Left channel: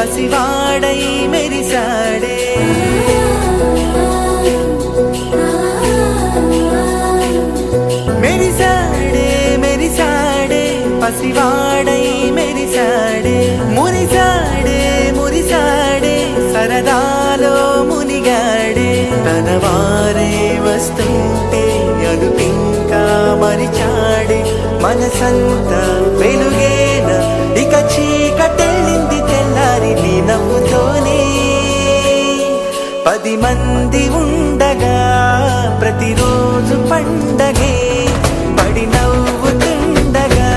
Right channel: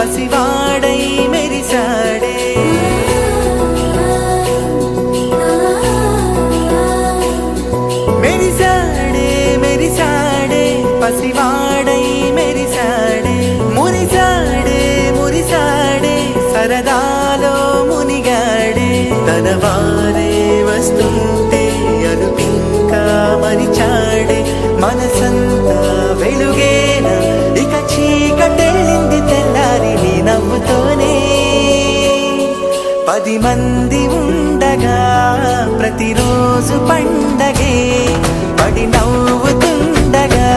పసివాడై మెరిసాడే మెరిసాడే మెరిసాడే పసివాడై మెరిసాడే మురిసాడే మురిసాడే సరదాలో మునిగాడే తన వారే వస్తుంటే అదుపింకా మరిచాడే మనసంతా వెలుగేన ఇక చీకటెళ్ళింది తెల్లారి నీ నవ్వుతోనే 10 మంది ఉండగా ప్రతిరోజు పండగే పడి నవ్వుతుండగా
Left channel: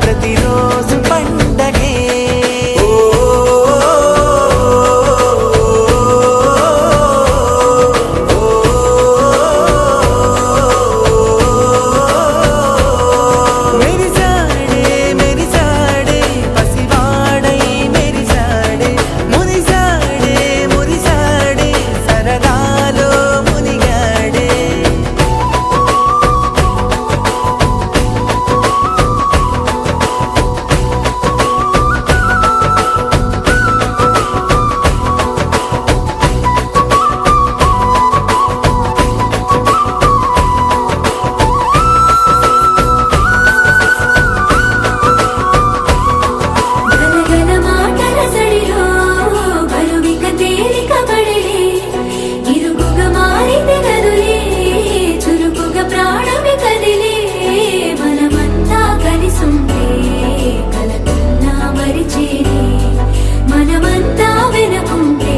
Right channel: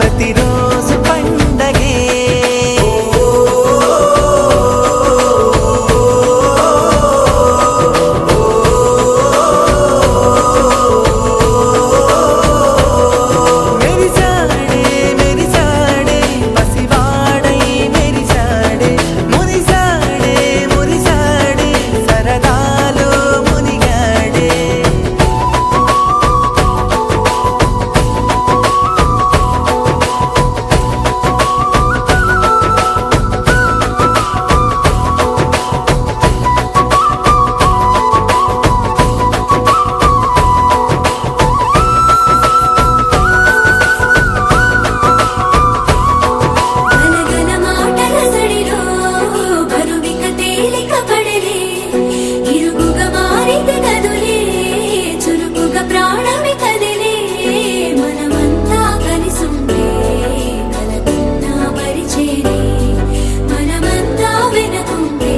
ప్రతిరోజు పండగే మెరిసాడే మెరిసాడే పసివాడై మెరిసాడే మురిసాడే మురిసాడే సరదాలో మునిగాడే గనగన మాటల సడిలో బరువిక తేలిక పడలే ఇరుగుగా మారితే కదులే చురుకుగా ప్రాణమి కదిలే మనమంతా కలిసుంటే కలకున్నా మరిచేనే మనమంతా వెనకుంటే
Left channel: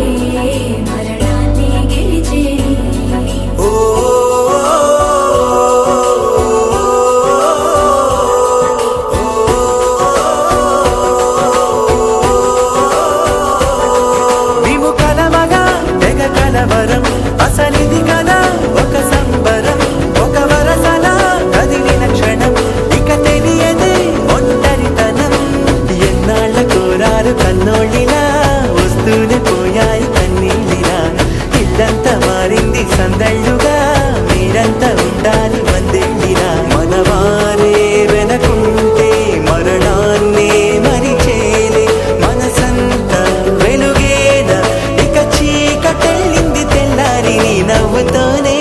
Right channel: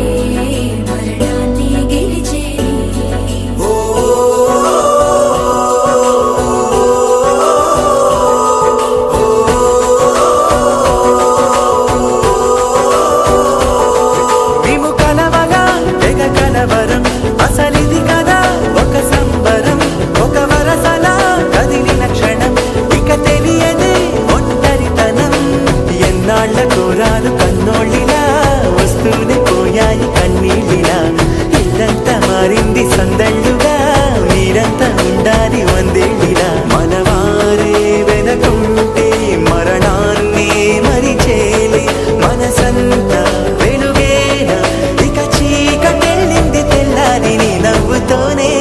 మరణాన్ని గెలిచేనే మేము కలవగా తెగ కలవరం అసలిది కదా ఒక సంబరం ఒక వరసలా కదిలిన క్షణం ఇక తెలియదే ఒంటరితనం ఎన్నాళ్ళ కోరారు కన్నోళ్ళిలా వస్తూనే పోయాయి కన్నీళ్ళిలా ఇల్లంతా మారింది సందళ్ళుగా మీరంతా ఉండాలి వందేళ్ళిలా మనవారే వెనకుంటే మరణాన్నే మరిచేలి మనసంతా వెలుగేన ఇక చీకటెళ్ళింది తెల్లారి నీ నవ్వుతోనే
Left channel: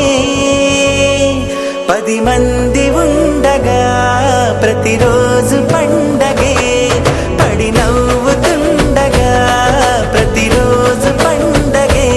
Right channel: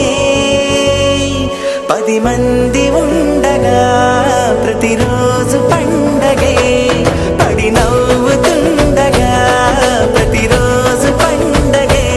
10 మంది ఉండగా ప్రతిరోజు పండగే పడి నవ్వుతుండగా ప్రతిరోజు పండగే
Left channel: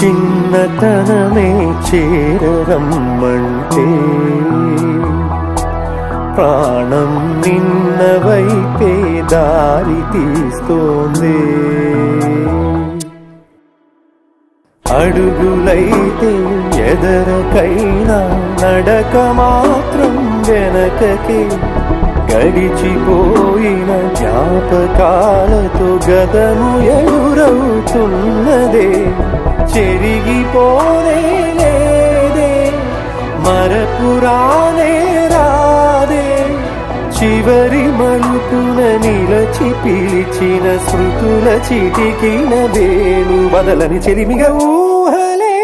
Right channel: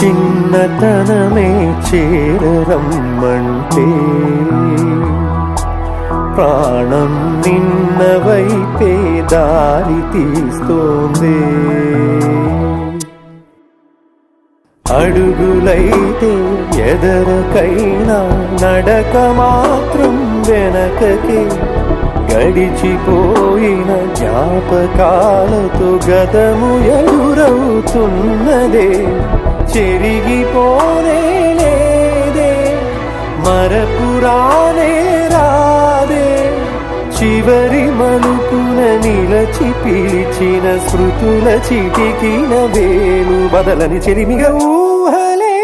చిన్నతనమే చేరరమ్మంటే ప్రాణం నిన్న వైపే దారి తీస్తోంది అడుగులైతే ఎదరకైనా నడక మాత్రం వెనకకే గడిచిపోయిన జ్ఞాపకాలతో గతము ఎదురవుతున్నదే చెరిగిపోనే లేదే మరపురానే రాదే చివరి మలుపున నిలచి పిలిచిన స్మృతుల చిటికిన వేలు బదలని చెలిమిగా ఊహలే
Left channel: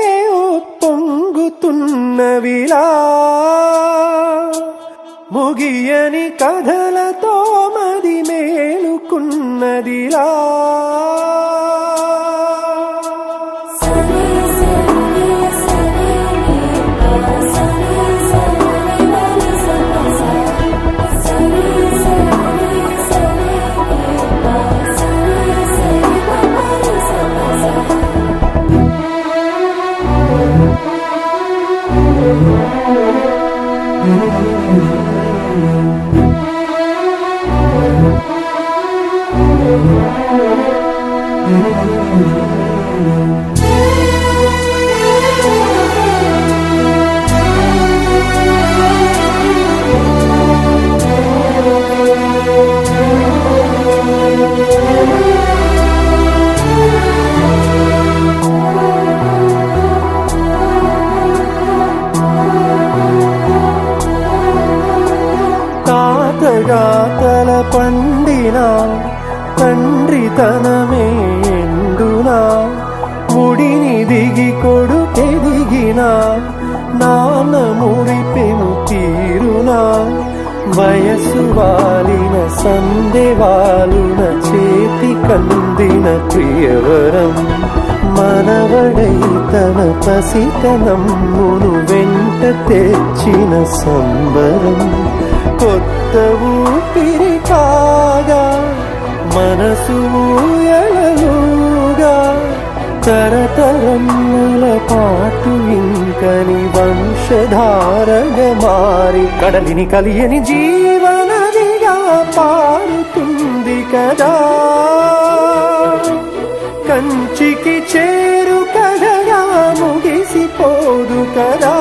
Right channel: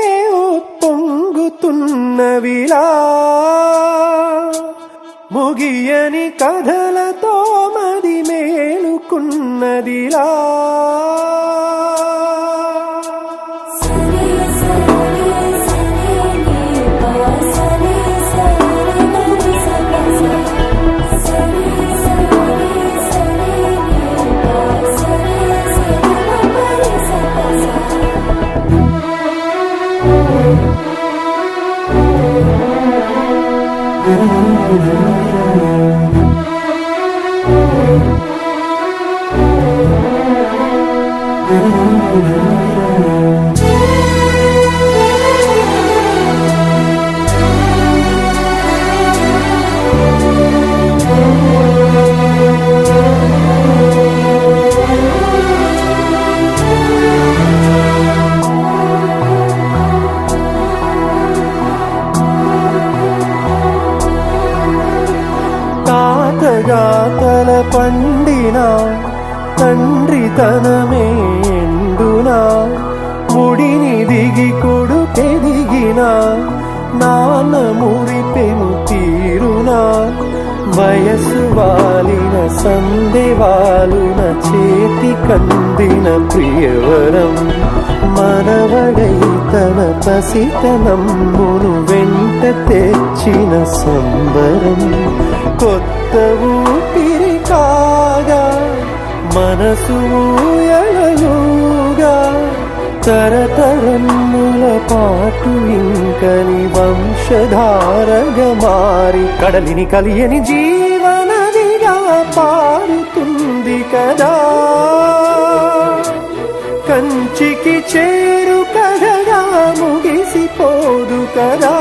పొంగుతున్నవిలా ముగియని కథలతో మది మేలుకున్నదిలా బిడ్డగా తల పండిన తండ్రి తనమే ఎండునా ముడిని దిగి కొడుకెదిగిన నాన్న మురిపెను తీరునా వయసు వాలిన సందెవాలున చేతి కందిన ప్రియవరం మనవడై తన పసితనమ్మును వెంట తెచ్చిన సంబరం కొత్త ఊపిరి కాగా మనసు ఊయలలుగా తరతరముల పాటు ఇంకని వంశధారగా మారి కడలిని కలియని జీవనదిగా పారుతుంది కదా కంచికి చేరు కథగా ముగిసిపోదు కదా